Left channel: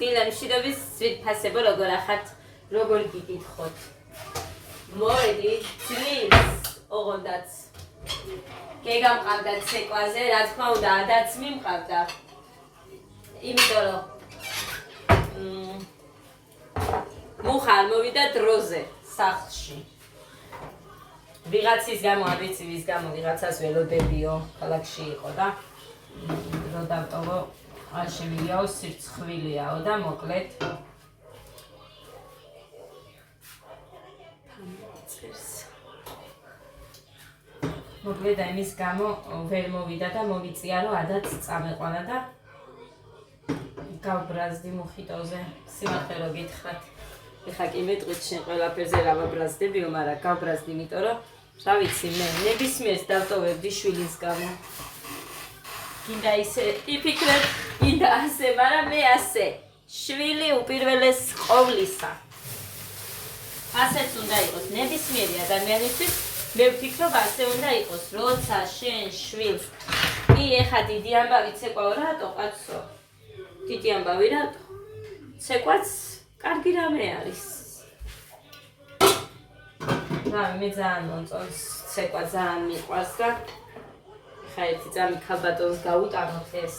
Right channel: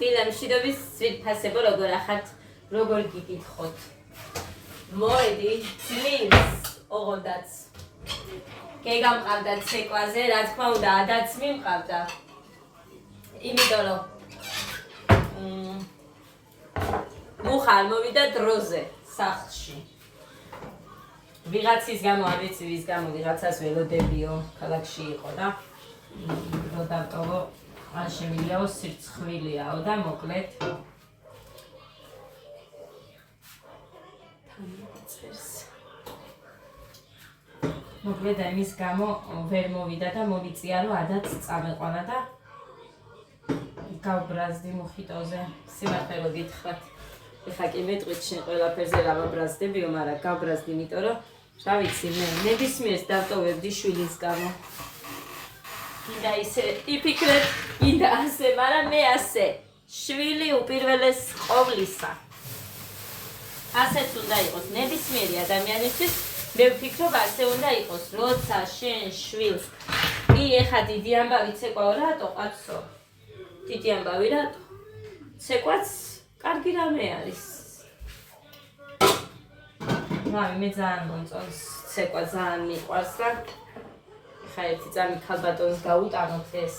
დილა მშვიდობის ძვირფასებო როგორ ახართ, როგორ გიკითხოთ. მოედი ძლის ოღონდაც. გეგამყავდა ცეკვაზე, რა თქმა უნდა, ადაც მიმყავდა. იმიტომ რომ მუხა არ მოვიდა დროზე სახლში. ვიღაცის გამო, არ ვიცი ვის გამო, ვიღაცას ველოდებიო, ქალაქში იყო და რო დავტოვო, არ შემიძლიაო, სირცხვილიაო და მოკლედ მოკლედ ამის გამო ვერ მოვიდა და მოვიწია რომ ადაც წამეყვანა და გავბრაზდი მუხიტოზე. სიმართლე რომ გითხრათ, ეხა კი მეტყვით შენ ყველაფერზე რა ვაბრაზდებიო, მაგრამ გავბრაზდი, იმიტომ რომ რა ვიცი, მე ნებისმიერს დავტოვებდი შვილის გამო. გინდა ისე იფიქრებ, გინდა ასე, მაგრამ მე ასე. შვილი უპირველეს ყოვლისა. ასეც უნდა იყოს ნებისმიერი ადამიანისთვის. მე ვფიქრობ, ასე უნდა იყოს, როცა შენ შვილს კი ეხა დიდი ამბავი ცეკვაო, რატო კაცო? დიდი ამბავი რატო? ცეკვაც კარგი რამე არის. რავი, მე ძალიან მომწონს ცეკვა, ძალიან მიყვარს და ეხა ერთი წამი ქალბატონს გაუტანოთ ეს.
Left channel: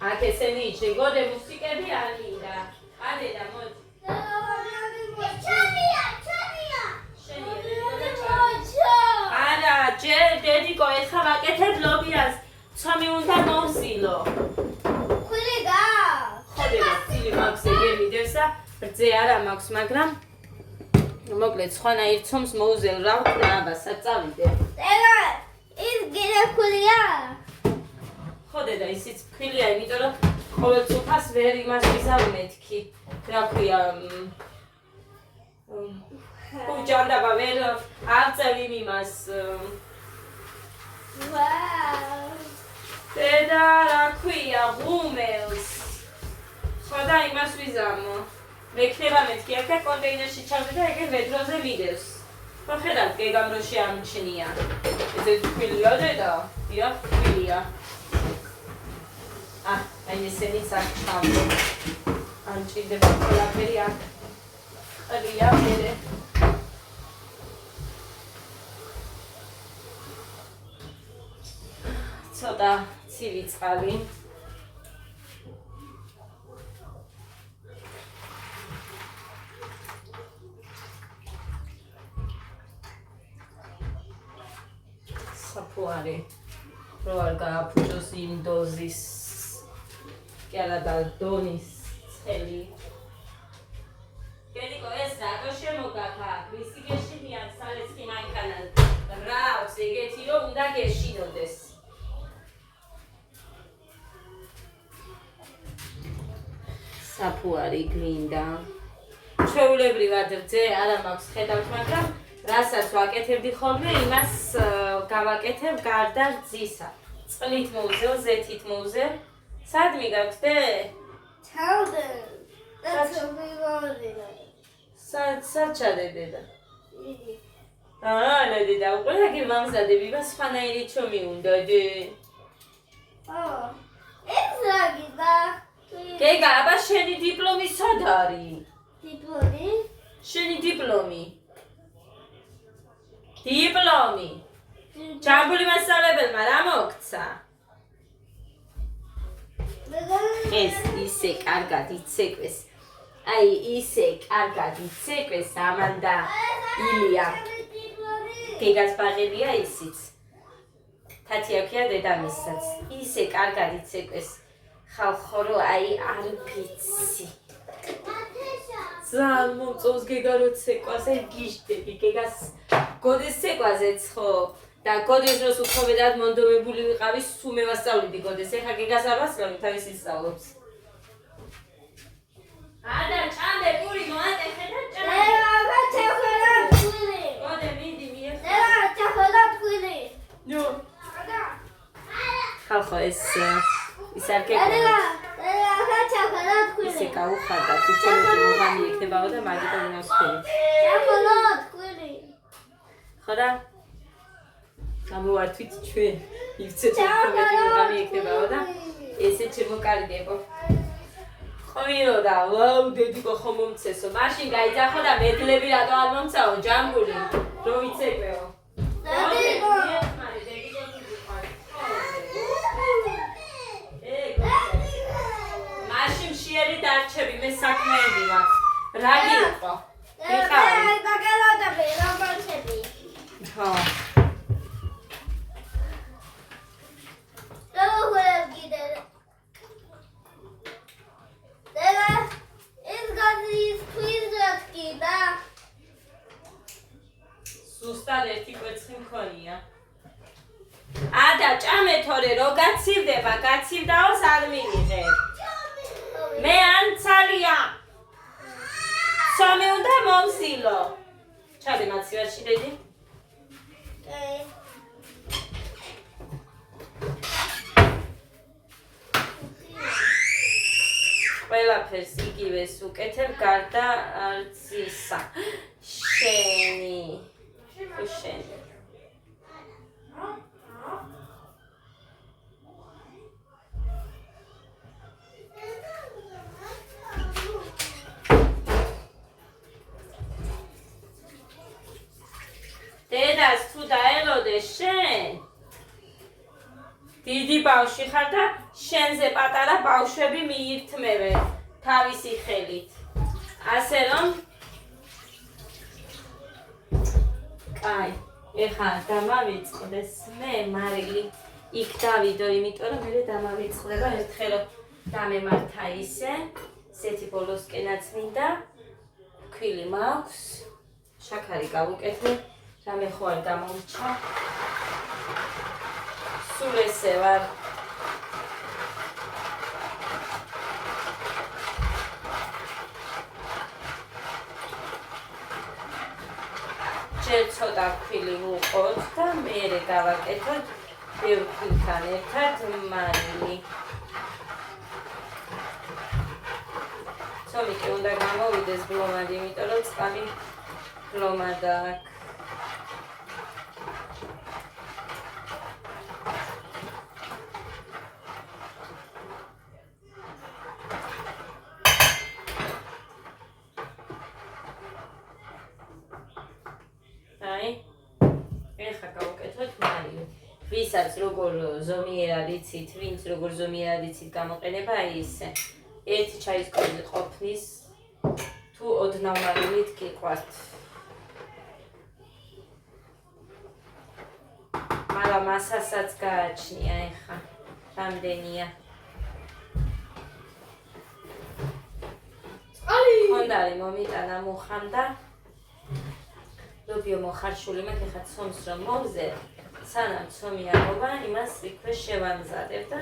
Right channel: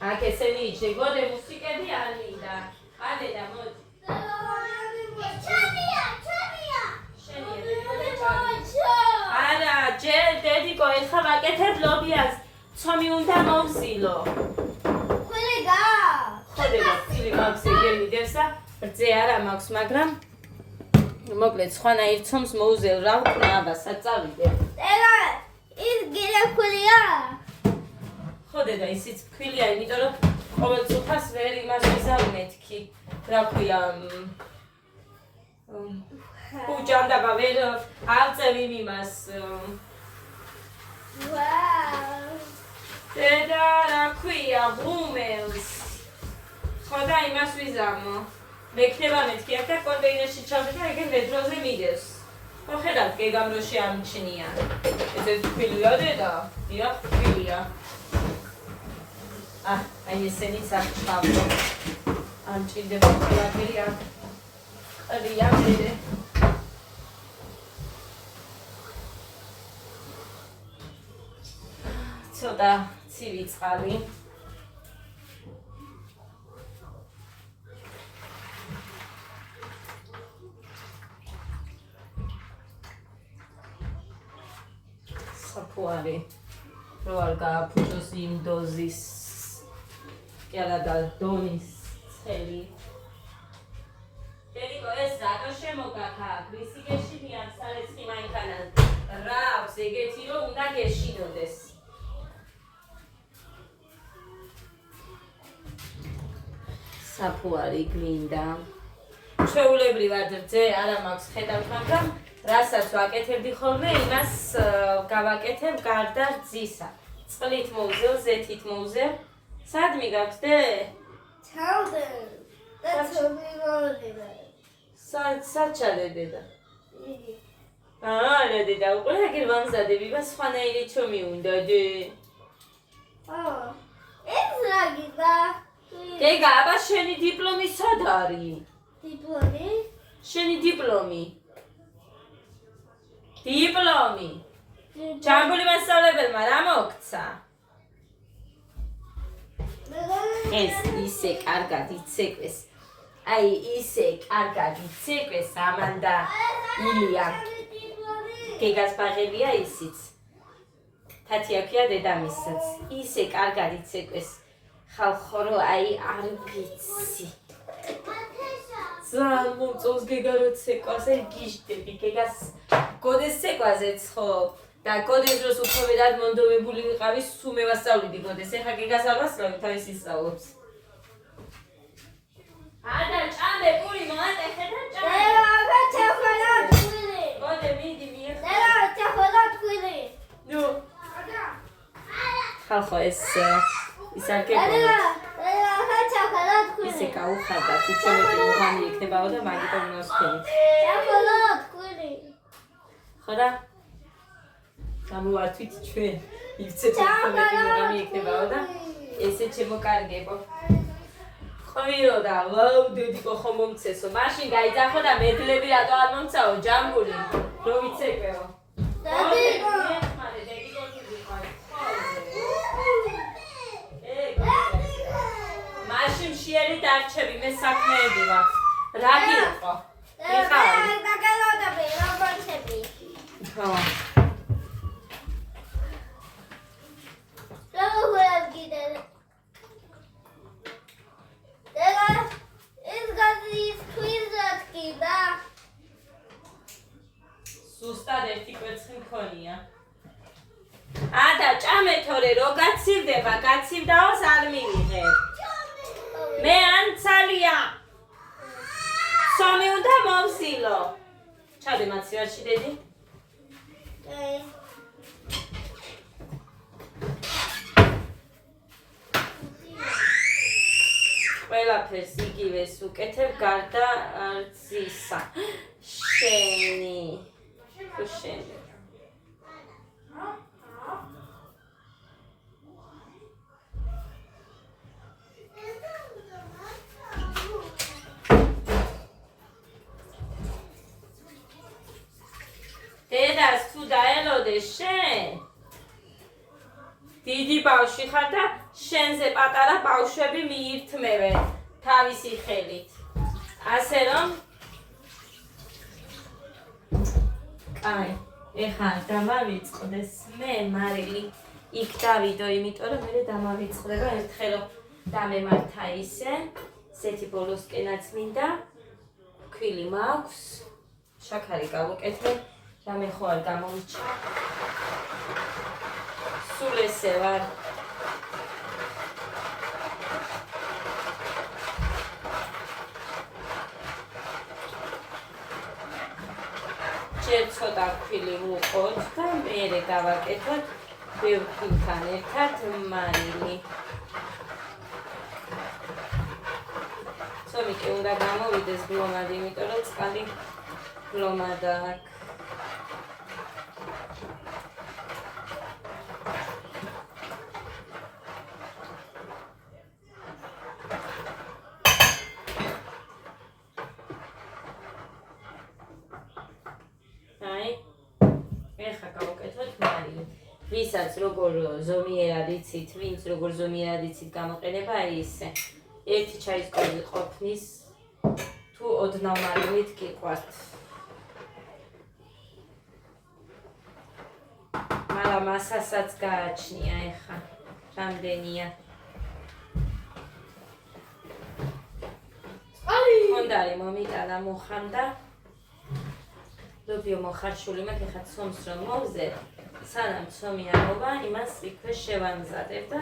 აქ ესენი შეგოდე მუსიკები არ მინდა. ყანე და მოდი. არა, ჯერ დედიკო, ეხა ვაკეთებ ლობიას. ცომი უნდა მოვზილო. ხული გა. ხოდე და ცილი მაქვს ეგერ მიდევს და რძე არა მაქვს, მაგრამ მოკლედ სხვანაირ ცომს მოუზელ რა ვქნა აბასაც წავიდე. წერა, ის გირე ხულია. ხოდე და ისიც ფქვილია, იმიტომ რომ ყოველ წუთას ვერ იმას ვიზავი მეთქი. რა ქვია, უჯანდაბა ვერ ავწევ იმას. ვაუ. დედა რა ქვია, ღუმელს. ხო და იმას ვიზამო. მექნება მეთქი აქ და კონტეინერში ჩავდე და ეგერ მეტროზე მიდევს. ხო ხედავთ, გეგამ რო შეამჩნია. ესე თბილია დედა, დიახ, თბილია. აი ესენიც აქ ჩავდე. ან ჭირდება ყველაფერი აქ. ყრია მერე. ცოტა ცივი წყალი. საფუარი რო არ გააფუჭოს იმ დოზის კი არა და დონის წელი. გედიკო, ეს რატო შემოგაქა? ვისი გეშინიან სარეცხი მანქანას? რა აქვს ეგეთი რომ უნდა გეშინოდეს? საფუარი გლინდა. ჩვეულებრივად რძე არა მაქვს ხედავთ, მაგრამ რასაც ვაკეთებდი ხოლმე, იმას გავაკეთებ გარდა რძისა. წყლით მოვზელ, ზეთით მოვზელ. სად მიგაგდე? ჩავდე. და ცობი მოვიდა. სად ჩადე და? იგი. არა დედა, უკვე აგერ ვამზადები, მას სხვანაირი ჩომი უნდა დე. ეს რა გიდა? გეგა, აბა შენი დიპლომი სად არის? დიპლომი? შენი დიპლომი. დიპლომი. ჯამბული მასწავლებელმა რა მოგცა? ეს ისე კარგად იცეკვეს. აი ისე კარგად იცეკვეს ამანდა ილია. გეგას ბაღებია ისიც. თათი აქვია დედამისსაც. ისე კარგად იცეკვეს. ხალხო რო აი არ ვიცი. ძალიან მომწონს გეგა რო ცეკვაზე გიჟდები. გეგას გოდეს ცეკვაზეც ხო? და გოდეს დროს უფრო მეტად მონდომებული ვიყავი, სულ მევასწავლიდი გოდეს. ეხა გეგას არ ვასწავლებ, თავის ისწავლობს. ადა ჭამე პური მოატეხე და ჭამე. წერა, ჩახალად ხული. გოდე მიდი მიეხ. წერა, ჩახალად ხული. ნუ. ადა. ხალხო ეს ის არ წერა, გეკონებს. წერა, ჩახალად ხული. ისე გაუხარდა, თვითონეთი მუღამი იქნებაო და მაგიტომ ნოსფერი. ჩახალად ხული. ხო და? გამოვართვით ჩვენ. იცით თვითონეთი მუღამი იქნებაო და ესე შემოკარგებო. ყვირო და ვაუ დედიკო ხომ მომცესო მაშინ გაიძახო და მედლები რატო არ მომცაო ჯამბული რომ იცეკვეო დედიკო მაშინ შეერი დარჩები მე საქმეები ვარ რა გიყო მიხარი გაგალოდები რომანსები ხო როგორ გიდე დედა ის გაზის თვიზაკი და სუსტად ერთი კვერცხი მქონია ადა ჭამე თორე რო გაცივდება გაცივდაოს არ მიიღებ მე ანცალია სამი უნდა მომსილო ჩადე მაცივარში დედი ყველაფერს იგივეს უკეთებ გარდა არც ისა შენი თუ შენი დედას თუ დაელოდე შენ დიდი ბავშვი ხარ და შენზე პატარა ბავშვები მიირთმევენ თავისი ხელით ასე რომ კაი ეხლა დამავიწყდეს მე მარილი იქ დავიდო იმიტომ რომ მე დამავიწყდება ერთხელ დამემართა ისეთი ბოლოსკენაც მინდა ქვილი მაქვს შაქარი გავუკეთე რამე ხო არ გამომჩა სულ ესე ვარ ჯერ ცოტა ქვილი ვუყოთ და მერე გავაკეთოთ ბევრ ქვილთან ერთად მარილი ცომი კი უნდა გამოვიდეს გლომად იმიტომ რომ წყალი გლომად აქვს ვისაც როგორ ზომიერად იცით, ვინც როგორ ზომიერად იცით გამოყენება ისე ერთი ჩაის კვერცხი ყოფნის თუ ოდნავ მარილით გიყვართ. მაგრამ მასასაც გააჩნია ეხა რამდენია. ხონდარი მომიტანა მოხანდა. ლობიო მოხარშული მაქვს ეხა ცომს რომ მოვზე სანამ ცომი ამობა იმას იქვე შევამზადებ და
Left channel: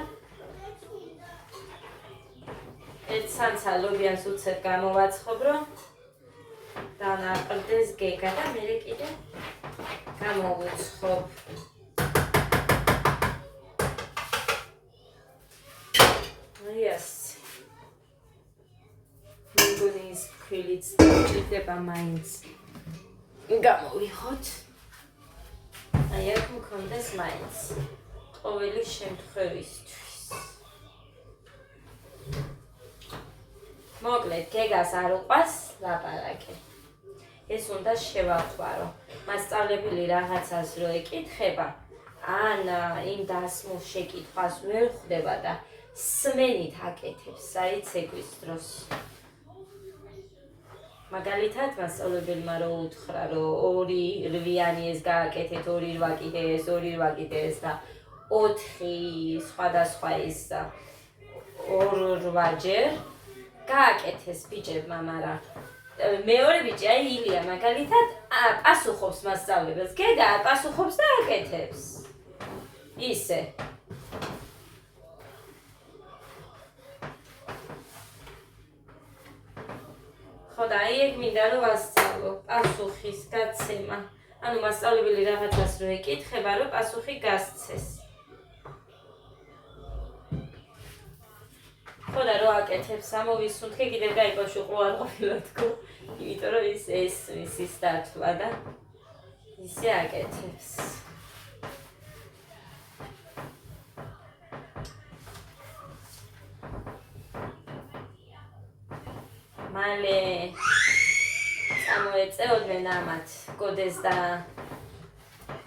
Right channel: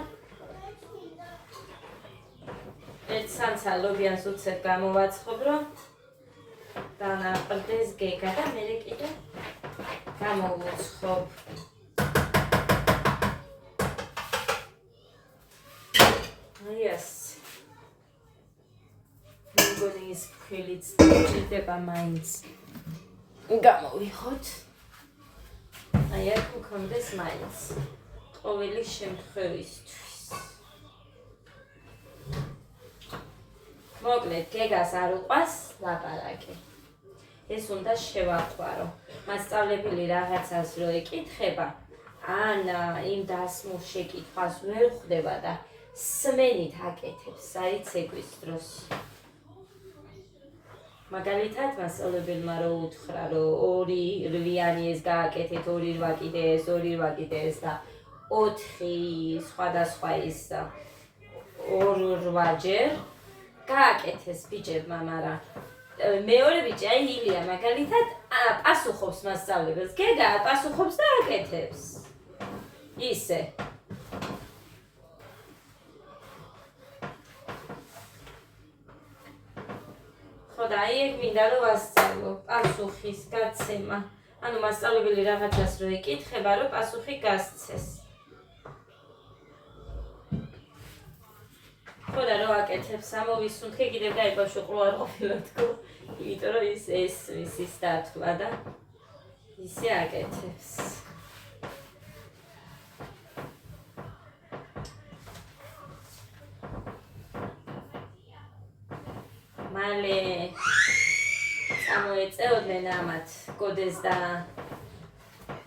ერთ სანცა ლობიანს უცებ გამოვაცხობრო დანაყრდეს გეგა და მერე კიდე გამოვუცხობ. Yes. მეგონი ის ქვილიც ჭირდება მაინც. გამოვიხოთ. აი აქ მქონდეს მაინც ყოველი შემთხვევისთვის. მოკლედ გეგას არ უყვას ლაპარაკი. ეს უნდა შევახვარო. მასწავლებელი რაღაცას რო ეკითხება, ან იმ დასმულ შეკითხვას ვერ ხვდება და სმენით აკეთებს საიცეკვის დროს. მაგალითად მასწავლებელმა რო უთხრა რომ 2 რვიანი ეს გააკეთეთ 2 რვა კიდე ეს 2 რვა კიდე ეს და 4 სხვადასხვა ის 2 რვაჯერ გააკეთეს ბიჭებმა, მაგრამ მეორე ბიჭი აი ილია მაგალითად პასუხობს მასწავლებელს, გეგა პასუხობს და აკეთებს. ისე და აი ეგ მინდა რომ ვასწავლო პასუხის გაცემა. ანუ მასწავლებელი რაღაცას რო ეკითხება, რომ პასუხი გასცეს. ხოდა რო აკეთებს ამოვისუნთქე კიდევ გაიბავშვი ყრუ არ ყოფილა თქო. იმიტომ რომ ის ის დათვლა და ისე აკეთებს. მალე წამოეწეოდნენ ამათ გოდეს და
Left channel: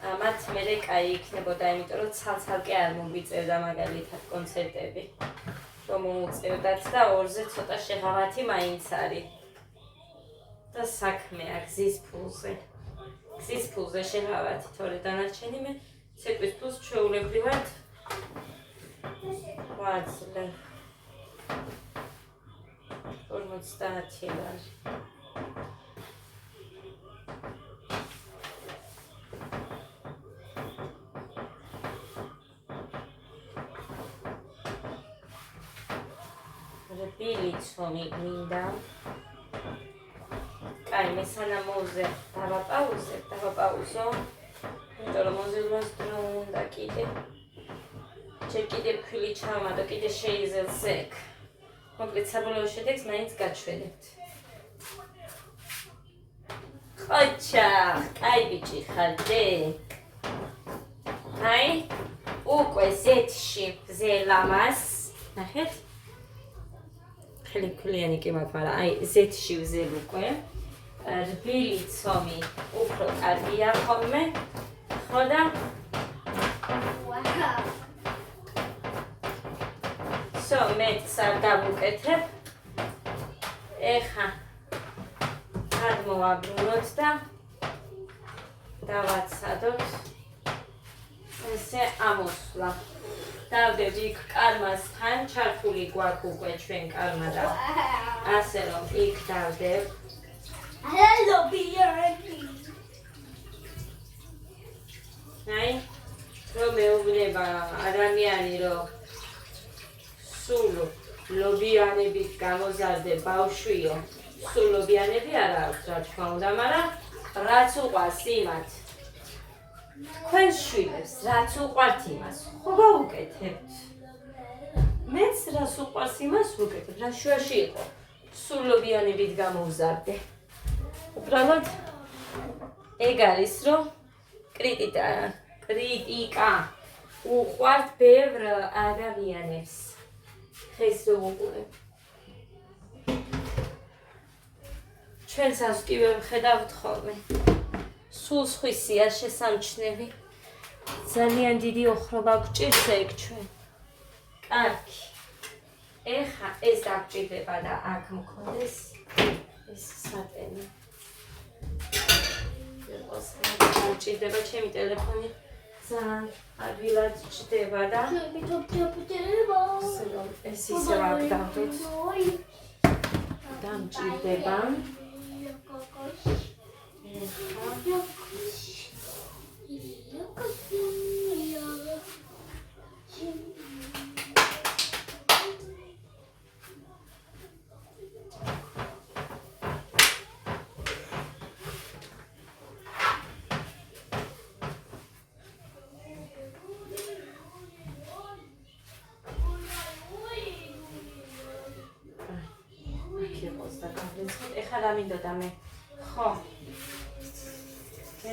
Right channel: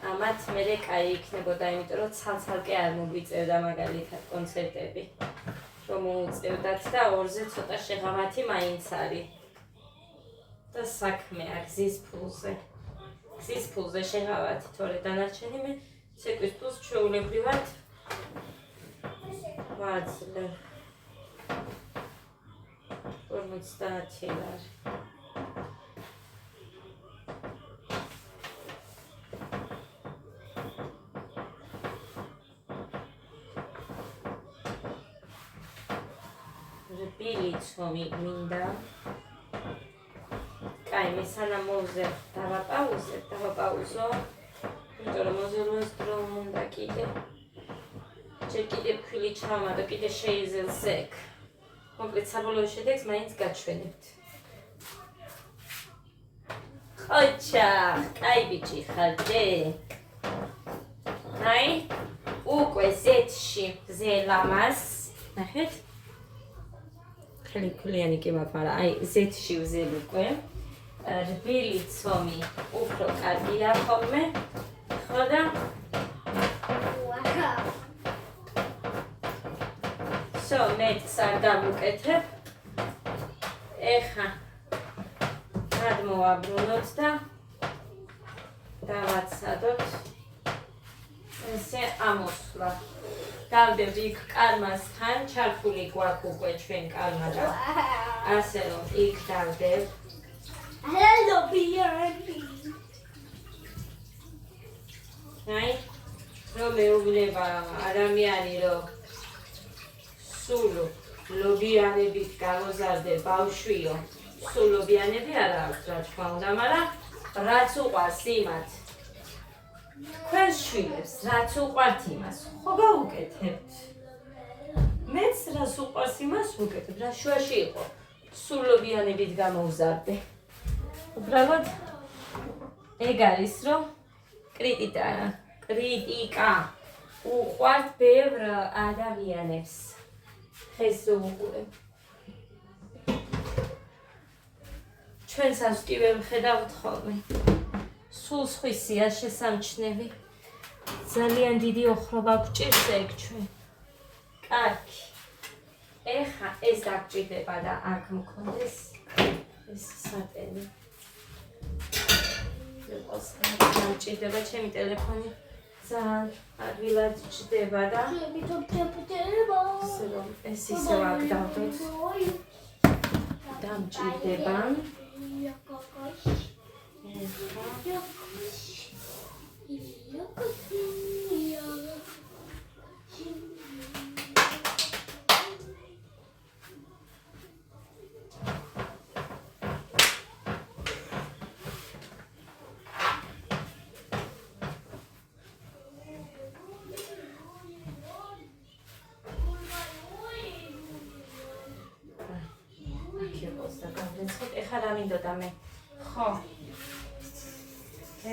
ამათ მერე კაი იქნებოდა, იმიტომ რომ ცალ-ცალკე არ მოგვიწევდა მაგალითად კონცერტები. რომ მოუწევდათ და ორზე ცოტა შეღავათი მაინც არის. და საქმეა გზის ფულზე. გზის ფულზე შეღავათი, თორე დანარჩენი მე ცეკვის ფულს ჩვეულებრივად ვაძლევ. 50 ლარი. რბილიცომი მინდა. კაი, მე სანამ დავაპაუზო. იმიტომ რომ მოზილოს დრო უნდა კიდე. ჯერ კიდე ფქვილი ჩავმატო, კიდე შეიზელს ეგ. მოკლედ საბოლოო შედეგს მაინც გაჩვენებთ. ხოჩა, კაი ბიჭი ხარდე. აი, უკვე ზეთში ვზელამას. ნახეთ? ხლიანი კი მაქვს, მაგრამ აი ზეთში ვზელ უკვე. რბილი ცომი უფრო კარგია ხოლმე. ხო და მეც არ დავუკეთებ. ეხა გადმოვაბრუნოთ და დავაცადოთ. ესე ამოსვლა. დავდებ იქ კარმასთან, ჩართული გვაქვს უკვე ჩვენ კარმა და ასე რომ იქ დავდებ. აი, რომ მეუბნება ადამიანი რომ სულ ლობიანებით გამოზარდე ბავშვიო, სულ ლობიანები არ აქვს რა თქმა უნდა, მაგრამ რაც უყვარს იმათ თქვენს შვილებს, რაც უყვართ იმას, ხო გავუკეთებთ. მეც რას უყვარს იმას ვუკეთებ, რა შუაში იყო, სულ ლობიანებით გამოვზარდე. უბრალოდ ეგ არის, რომ კრიტიკა უყვართ ბევრ ადამიანებს. ეს უყურებ. ჩვენს ასტივე ვხედავთ ხოლმე. სულ სხვისია შესამჩნევი. ძალიან დიდი ოხრობა გვჭირს ეგ ჩვენ. კარგი. ეხა ეს დაგჭირდება და აქ მქონდეს ეს სატენი. იყოს დაგჭირდება ჩემი ტელეფონი. ძალიან ადვილად ჭდება და ეს ისევ აქ დავდოთ. დამჭირდება. ეხლა რა მინდოდა მე? ხო.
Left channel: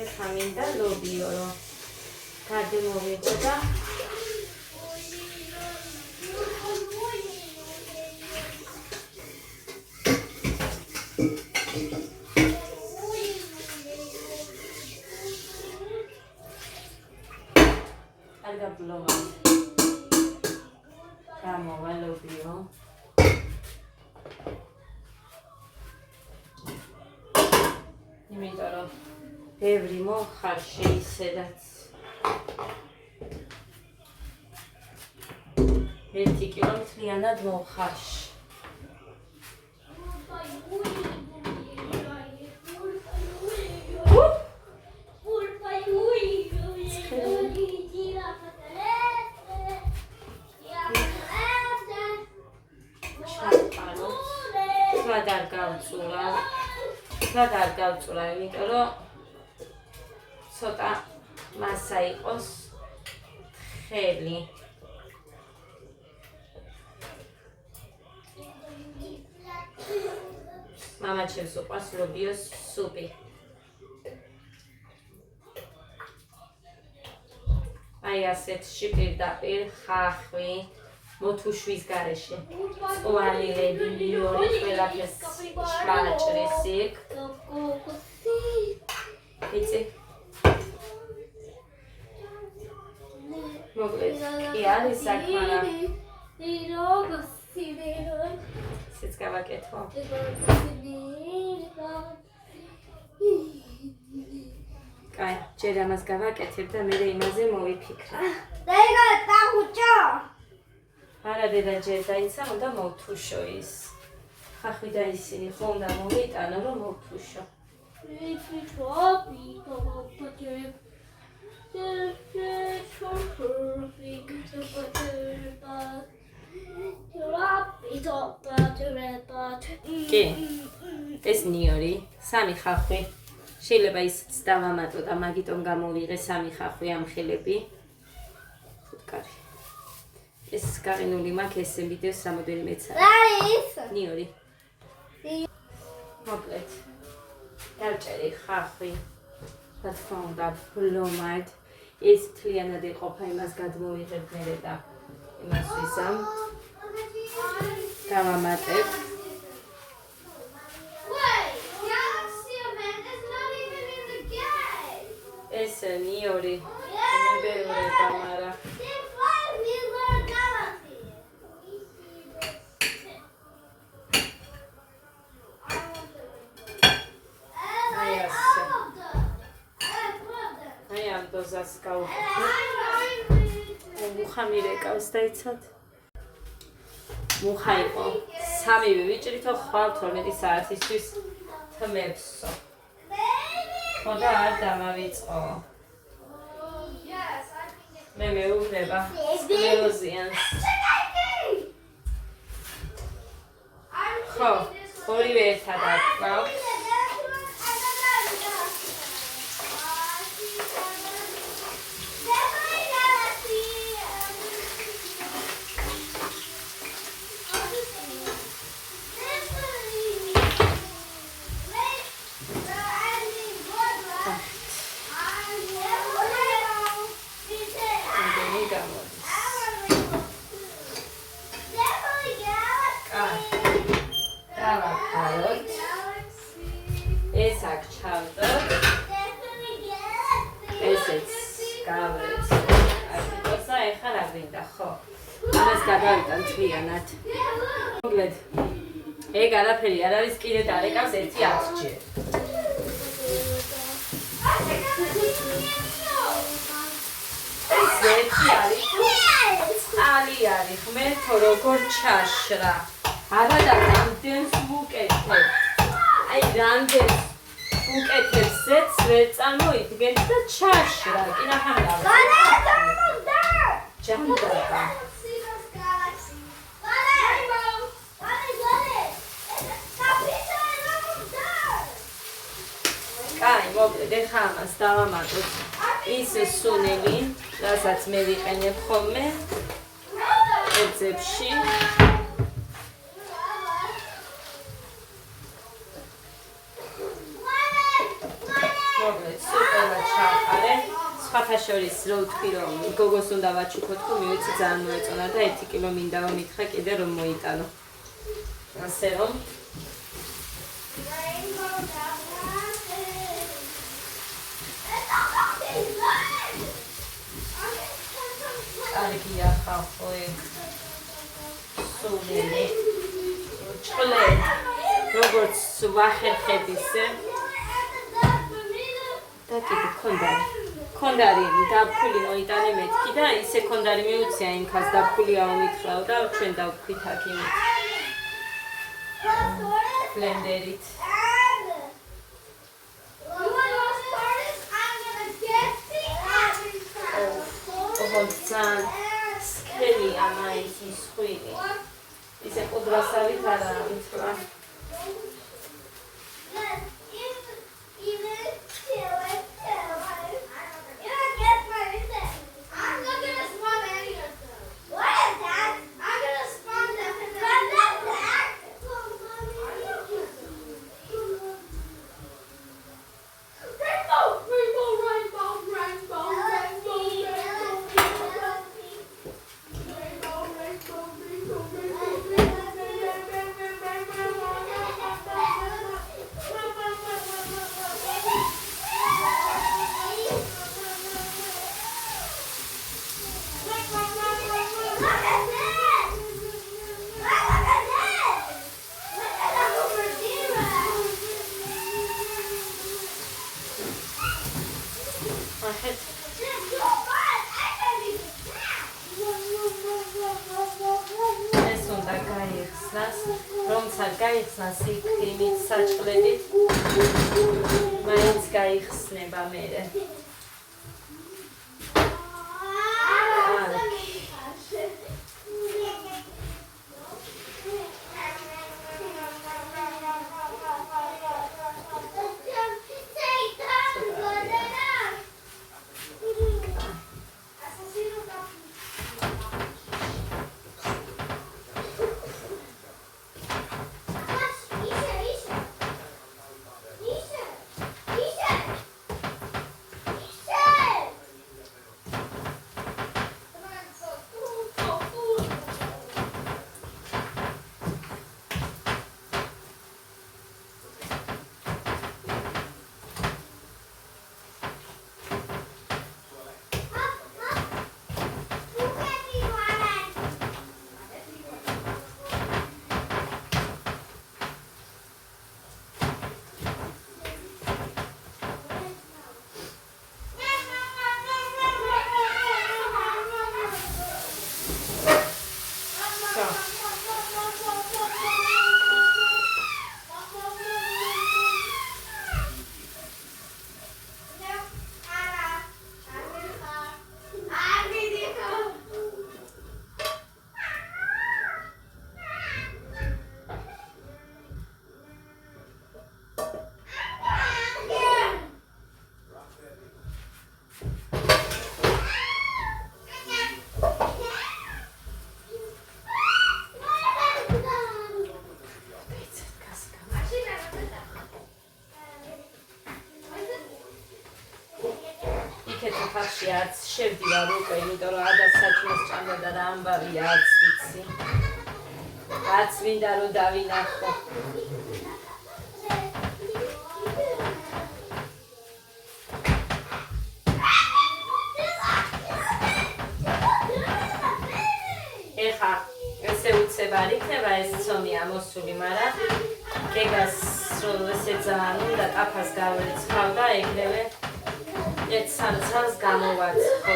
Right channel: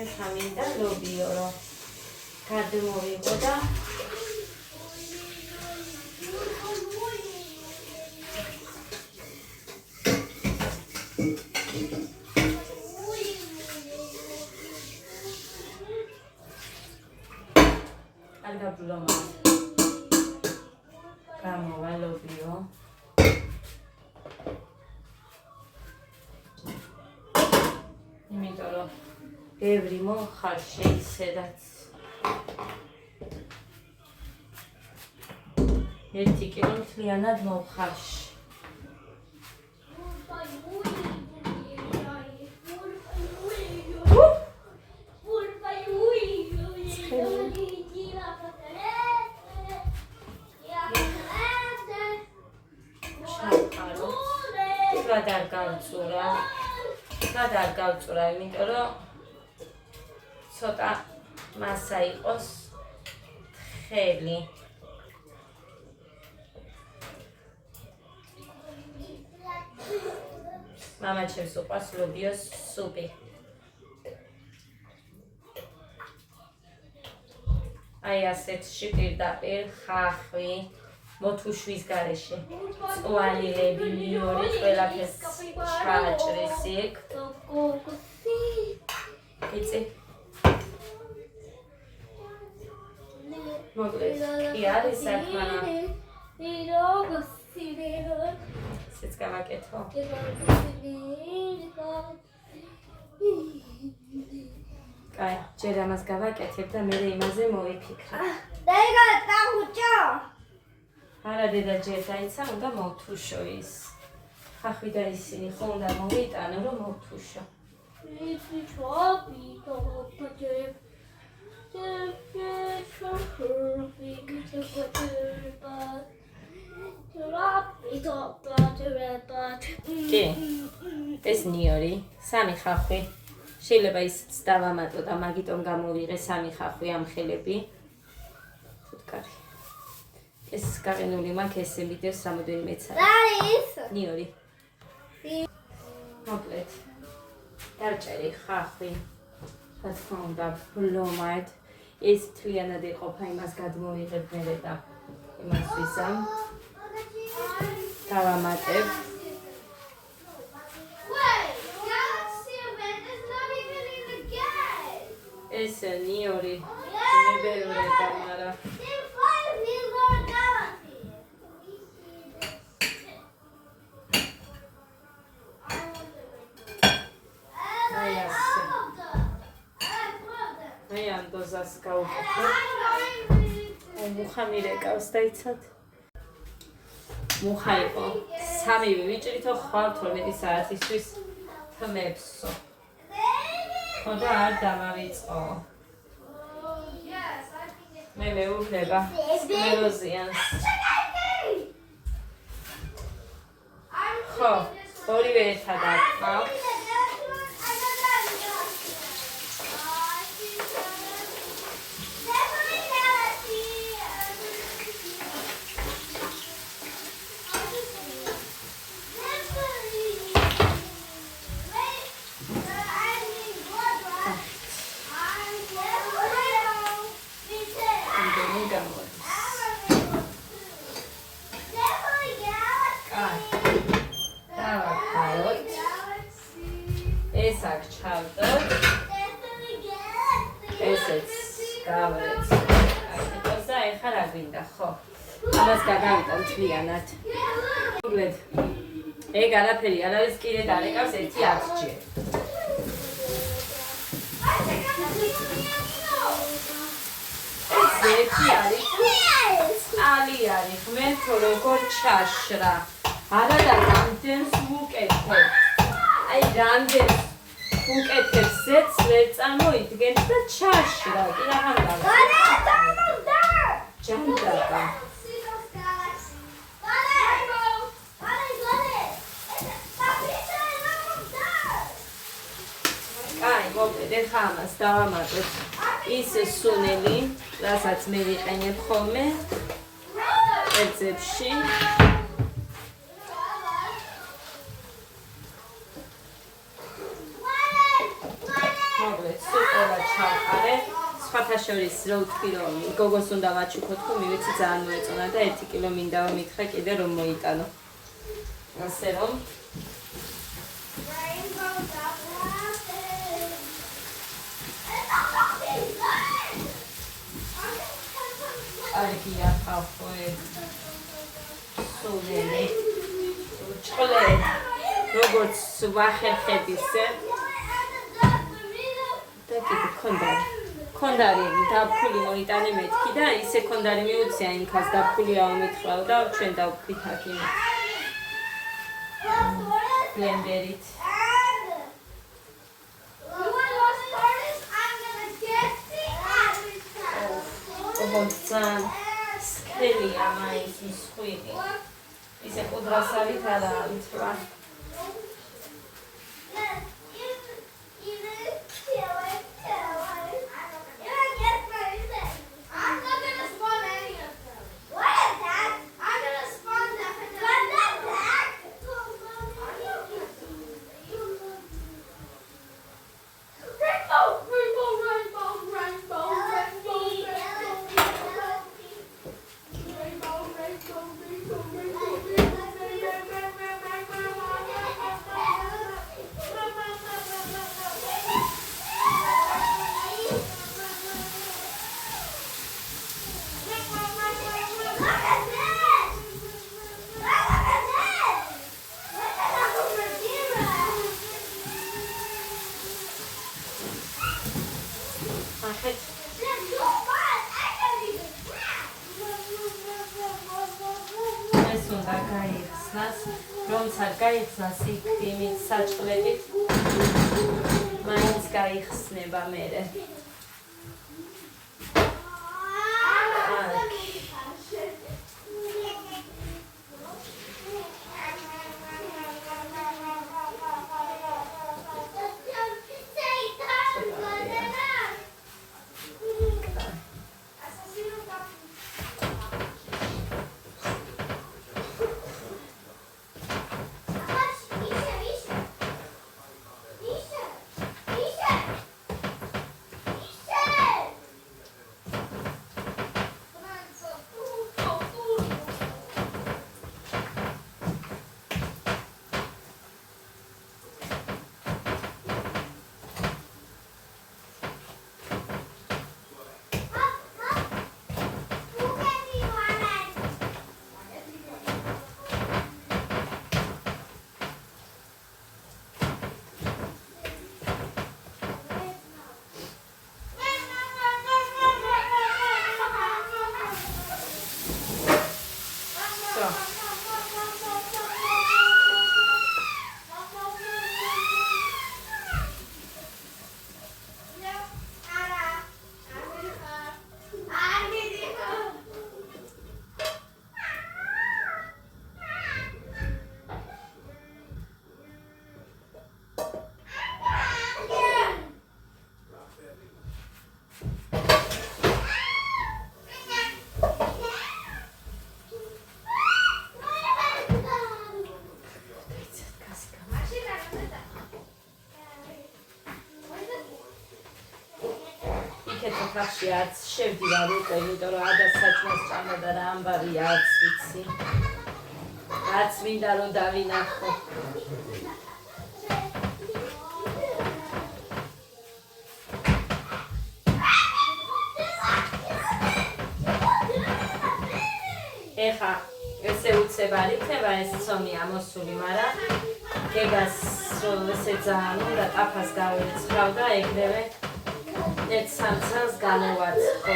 ეხლა მინდა ლობიო რომ გადმოვიღო და არ გაბრუნო. გამოვა ლობიო. იმიტომ რომ ბევრი მოხარში ისედაც 1 კილო მთლიანად მოხარში. არ გავწურა, იმიტომ რომ ცოტა მასა იყოს ხელი. მამა ჩემს უყვარს ლობიოს სუპი. აი ასეთში პირდაპირ ხახვი, მოთუშვის გარეშე. წვალილები, ნიორი, ყველაფერს ჩააჭრეს იქ. იცი? მოკლედ, კი არის საქმე. ისიც გავაკეთო. კაი, ჯერ ამას გავაკეთებ და მე იმაზე მოვიფიქრე. არა დედა ჯერ დაიცა, უნდა მოვთუშო ის. ხახვი და ისინი ხო უნდა მოვიტანო, რომ მოვთუშო. კი, ეს ნიორი, 3 ხახვი. შეიძლება ისიც დავამატო და მაგიტომ გამოვიღე 3 ხახვი ამ ხელები. ხუთკარი. ეს გაყინული მაქვს ესე ვიდეოს რამოდენიმე წელი. ნიორი. მოკლედ. დავჭერი ხახვი. რა თქმა უნდა, ბლომად. ეს მთლიანად იყოფა, იმას გადმოვიღებ მერე და იმას ვიზამ. დავამატებ. ეს ნიორი. მებეურება, მარა. აი ამ დოზას გავუხსნე. მუხა მირეკავს დაიცად. მუხა იყო. 3 ვიჭრითო ხვალ 12 საათისთვის თმებსო. ხოდა არ დამავიწყო. მე მეუბნება სკლეროზიანს. ხო, ორივე ერთად აქვს. ეს აქ ჩავდოთ. ესეც გავარეთ. აკეთოსა ეხლა რა გვინდა, ხო? ამას გადავიტან მთლიანად. მოკლედ. ეგ არაფერი არ არის, კიდე დარეკავს 1-10 ჯერ. ეს 1 არის. ალი არის, ღმერთო როგორ ჩაშრა. არა და რამდენს ვუკეთებ. აი რამდენს უკეთებს ზეთს ვერ წამოიდგენთ და ჩაშრა. კი ნახამდა. ჯამდაბა. კაი, მოკლედ ეხლა ამას დავამატოთ. ის სუნელი, რასაც მე ვიყენებ ხოლმე კერძებში. მოკლედ, სულ ყველა ჩავყარე. სხვათა შორის რო ვთქვი, რომ გოგოს უნდა ვაჩუქოთ, ხო მივეცი ძალიან მოეწონა და 1 კილო მინდა რომ მითხრა კიდე რომ მოიტანო. ასე რომ კარგია ხალხო ეგ სულელი ჭყლე როგორც ვახერხებ ისე და კიდე ქონდარი დაფქული მოიტანე მეთქი და ისე ქონდარი მიუცია იმ ხას დაფქულიაო მითხრაო და ჩვენ დავქვით აქ იმით ბლენდერით ძალიან სქელია მაინც მსხვილი ისე ყუდრასავით არა ვიცვა იმას რომც არ გაიხსნა სიკვდიმით საჭყლებით მაინც გაიხსნება მერე ხახში არც შევდივარ უკვე, იმიტომ რომ ადას საჭმელს ჭამდა და რა ამბავია არც ვიცი. რაც მინდა რომ დავინახო. ეხა ესე უცებ არ იქნება ეს ცომი ამოსული, მაგრამ გეგას რომ ესე ძალიან უნდა ტაფას გავერიცხავ და ეგრევე ერთ სამცას გამოვაცხო.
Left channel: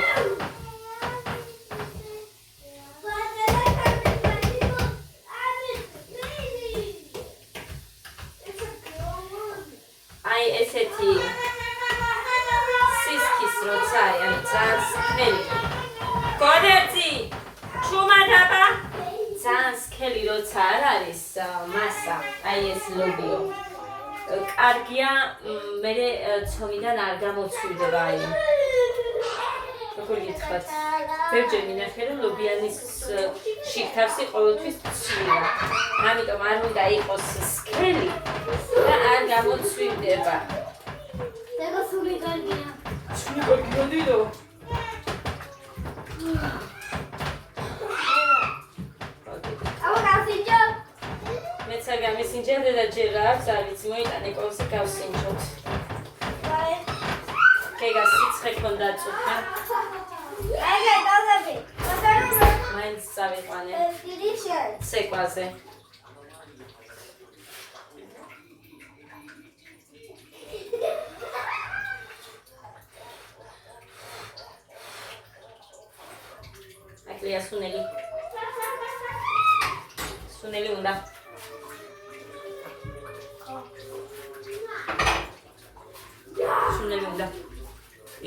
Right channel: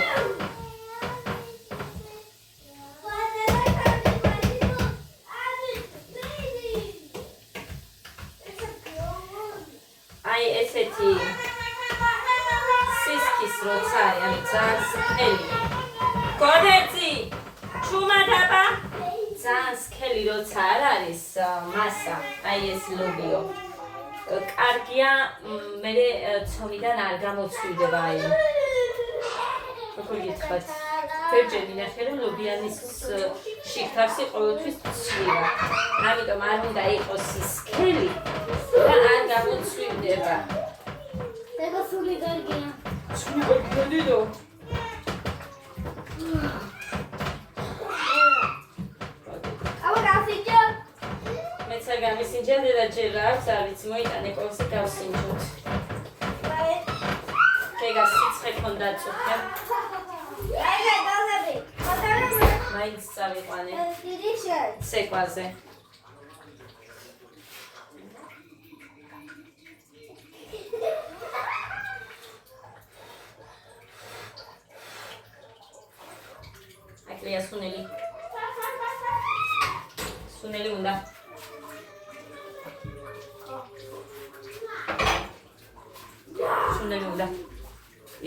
აი ესეთი სისქის როცა არის ძალიან სქელი. გოდერძი, ჩუმადაბა. ძალიან სქელი როცა არ არის მასა, აი ეს ლობიო. კარგია, მე ცომიდან არ გამოცვლდება აი. როგორ გითხრათ? ბევრჯერ მინახე რომ ლობიანის შიგთავსი ყოველთვის ცვივა. ამიტომ არ უნდა იყოს სქელი და არ გამოცვლდება. 내가 소리 갈게요. ცვი გოდიდო. 아빠 가시죠? მეცაგამი სინჯადე და ჯერ რა აქვს არ ვიცი მოიტანე ყოველს გავსინჯოთ. გეგა სიცხე ქონდა წუხე. 아이가 나가비. 맞아요. მაინც წავიყვანე 디리션. ცეკვაზე. აკლია სუნელი. სუნელი უნდა. სუნელი უნდა.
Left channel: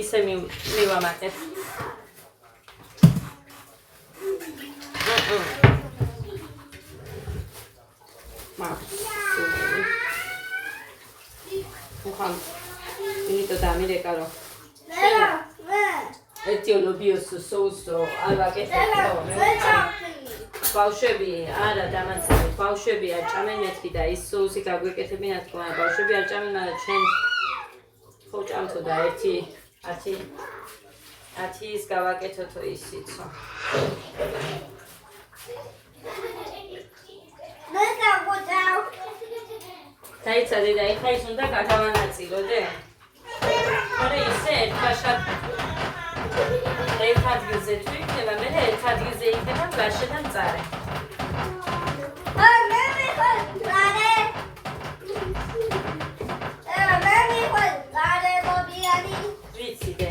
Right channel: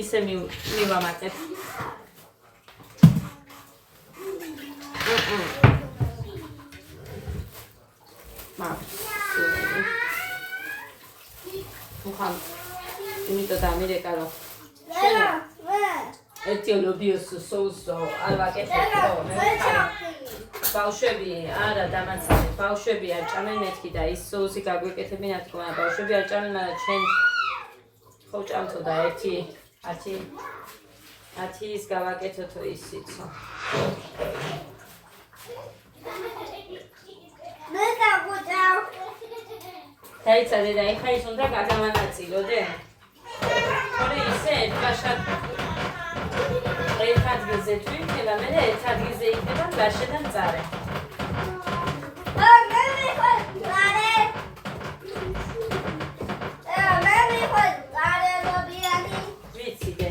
ისე მივამატებ. სუნელი. ხან იმიტომ დამირეკა რომ 내가 왜? ერთი ლობიოს соусო არ ვაკეთებ. ბავშვები არა დამაცანი ბავშვები არ ჭამენ მეთქი და ის соуსი გაგვეკეთებინათ თქმა ბავშვები არ ჭამენ მაგრამ ჩვენ ხო ჭამთო და 10 ის გავაკეთოთო ისიცო. 내가 보자. დაიცადე და ეხა ის უნდა გაგავანაწილოდე. თორე ისე ერთ ადგილზე თუ იქნება მე ერთ ადგილზე იქნება გარშე და მწარე. ვიცი დე.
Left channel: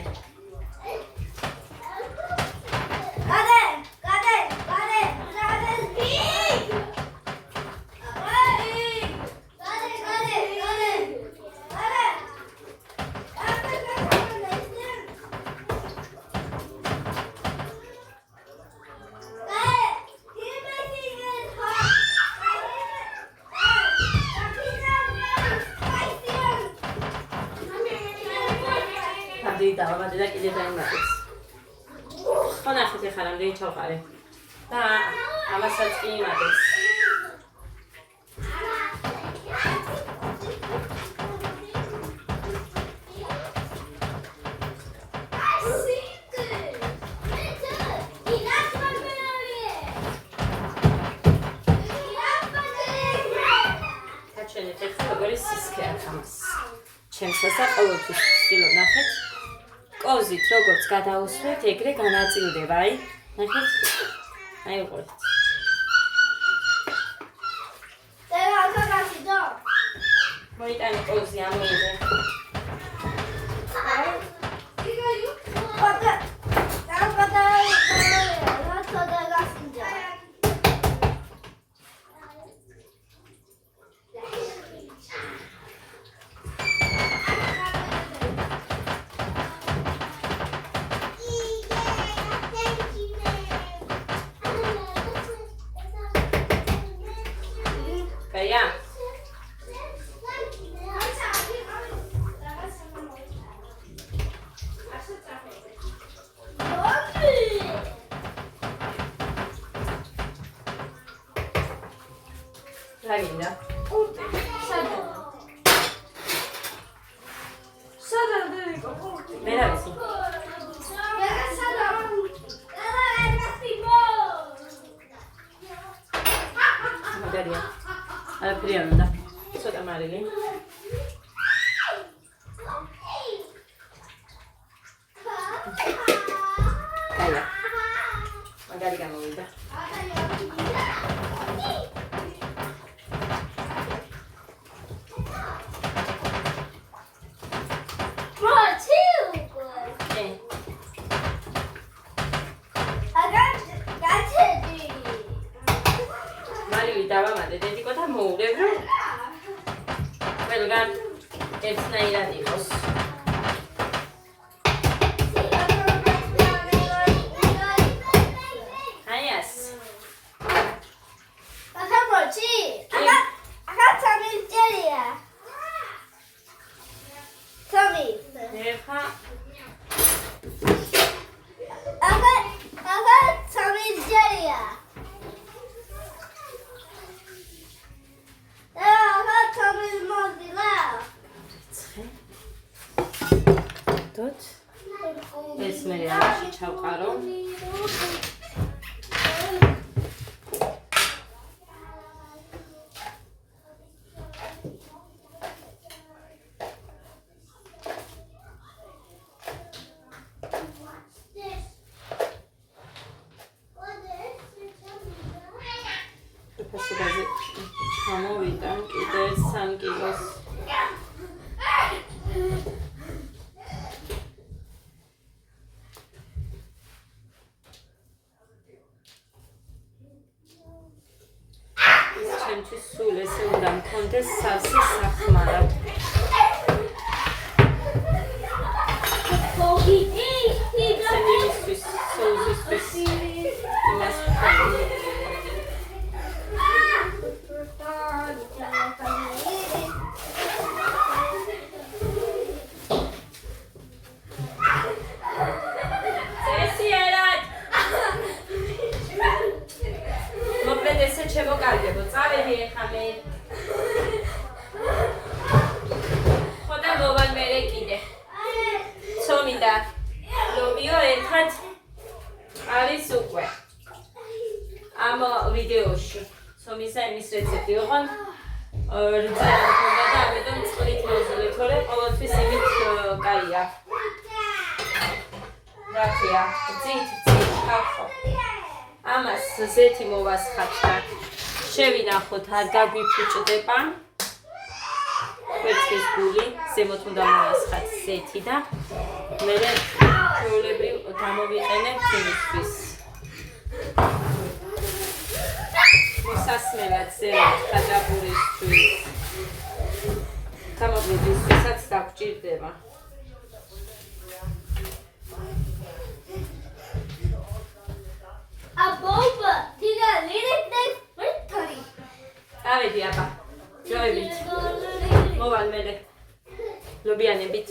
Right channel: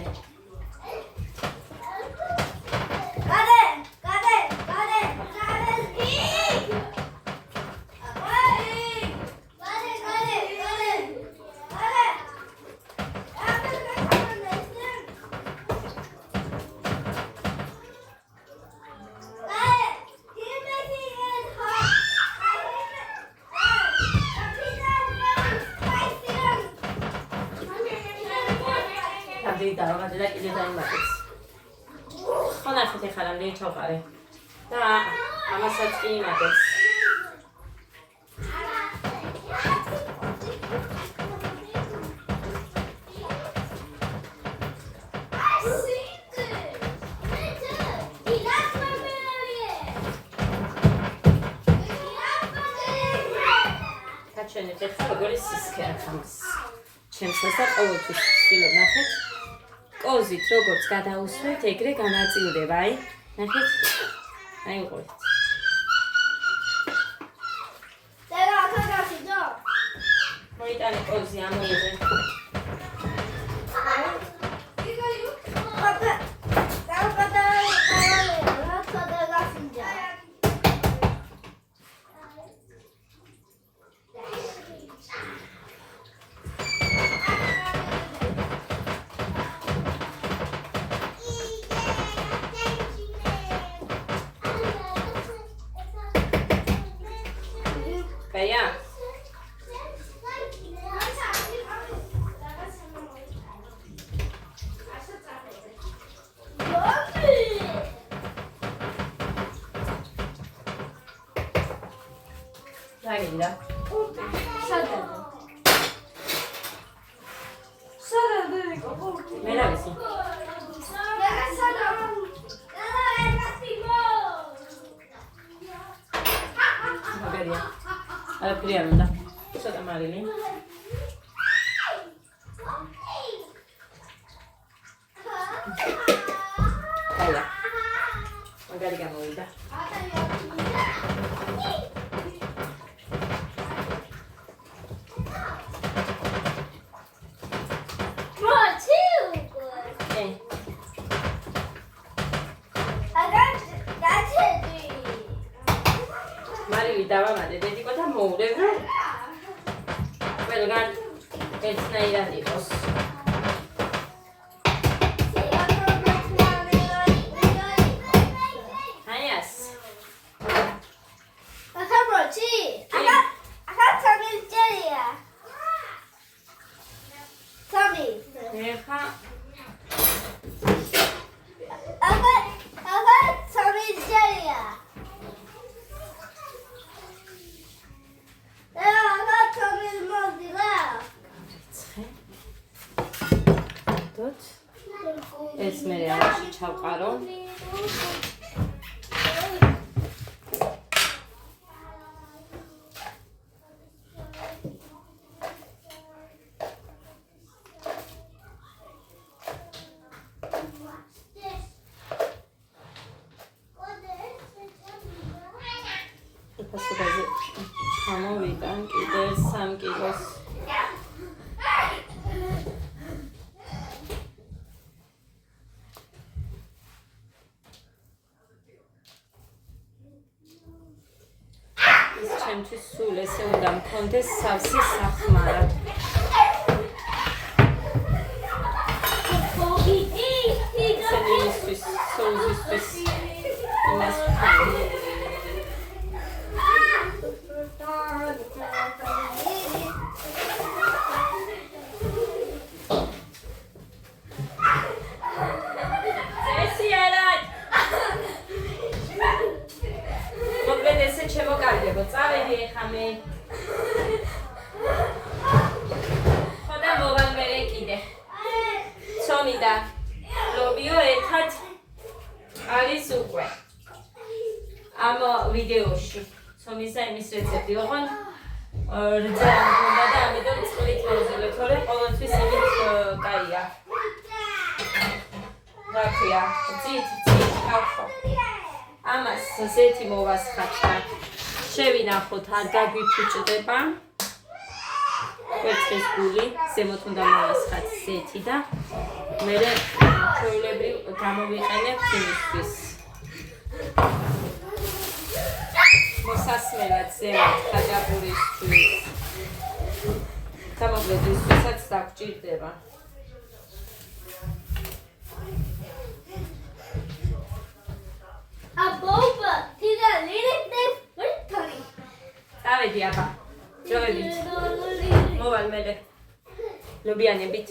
კიდე დავამატე და კიდე დაიმატეთ. ხო ნახეთ ახლა რამდენი ჩავყარე. და ამასაც კი იმატებს. ჩვენი ხერხი როგორი სისქე აქვს ამას. ჩემსა და ყოველთვის ვცდილობ ნახეთ. კოზით როგორც გადაუსვეთ, ეგრე განაწილდება, აი. ნახეთ. აი უყურეთ. მოიტანე კოზი ამოიღე. Kaya. Ragina. Mira eso. Magari. Apriamo da. Sota Marilyn. Kaya. Magari che muovida. დავამატე დედიკო და მოურევ. ყველგან ერთნაირად იყოს. აიას. ახალბოჩი. ახალ სამილჯერია. სამი. ეხა ახალ სამილჯერია. ეს მე ამაში ჩავყარო. ფასადაზე ჩამოვიტან კიდე 3 კილოს. ჩემთვის სულ ესე უნდა მქონდეს სავსე სახმარა. სენიმისთვის, სოუსისთვის იმას ვქონდი. შემოგარგებო, წავედი ეხა მე. ხოდა მოვალ მერე კიდე. ცომი და ლობიო ერთად არის უკვე. ამ ვიდეოში. ცომის და იმის რეცეპტი ოღონ რძე არ მქონდა და ამიტომ წყლით მოვზილე, თორემ ყოველთვის იმით კაია. რაკია, ძით, ახო. ამას ზეთი მოვასხათ და შევინახოთ არ გაგვიფუჭდება. კვერცხის გული, ზემოთ უნდა მოვასხათ ზეთი და მერე ჩვეულებრივ გამოვიყენებთ იმისთვის. მოსასმელად ზემოთ ხაჭაპურისთვის. გამოგვედისთვისაც დაგჭირდება. აბობა, თირა ლირეთნე ვერტარი. ავედი აბა. ჯოებით. მოვალ მერე. ლობიანებით.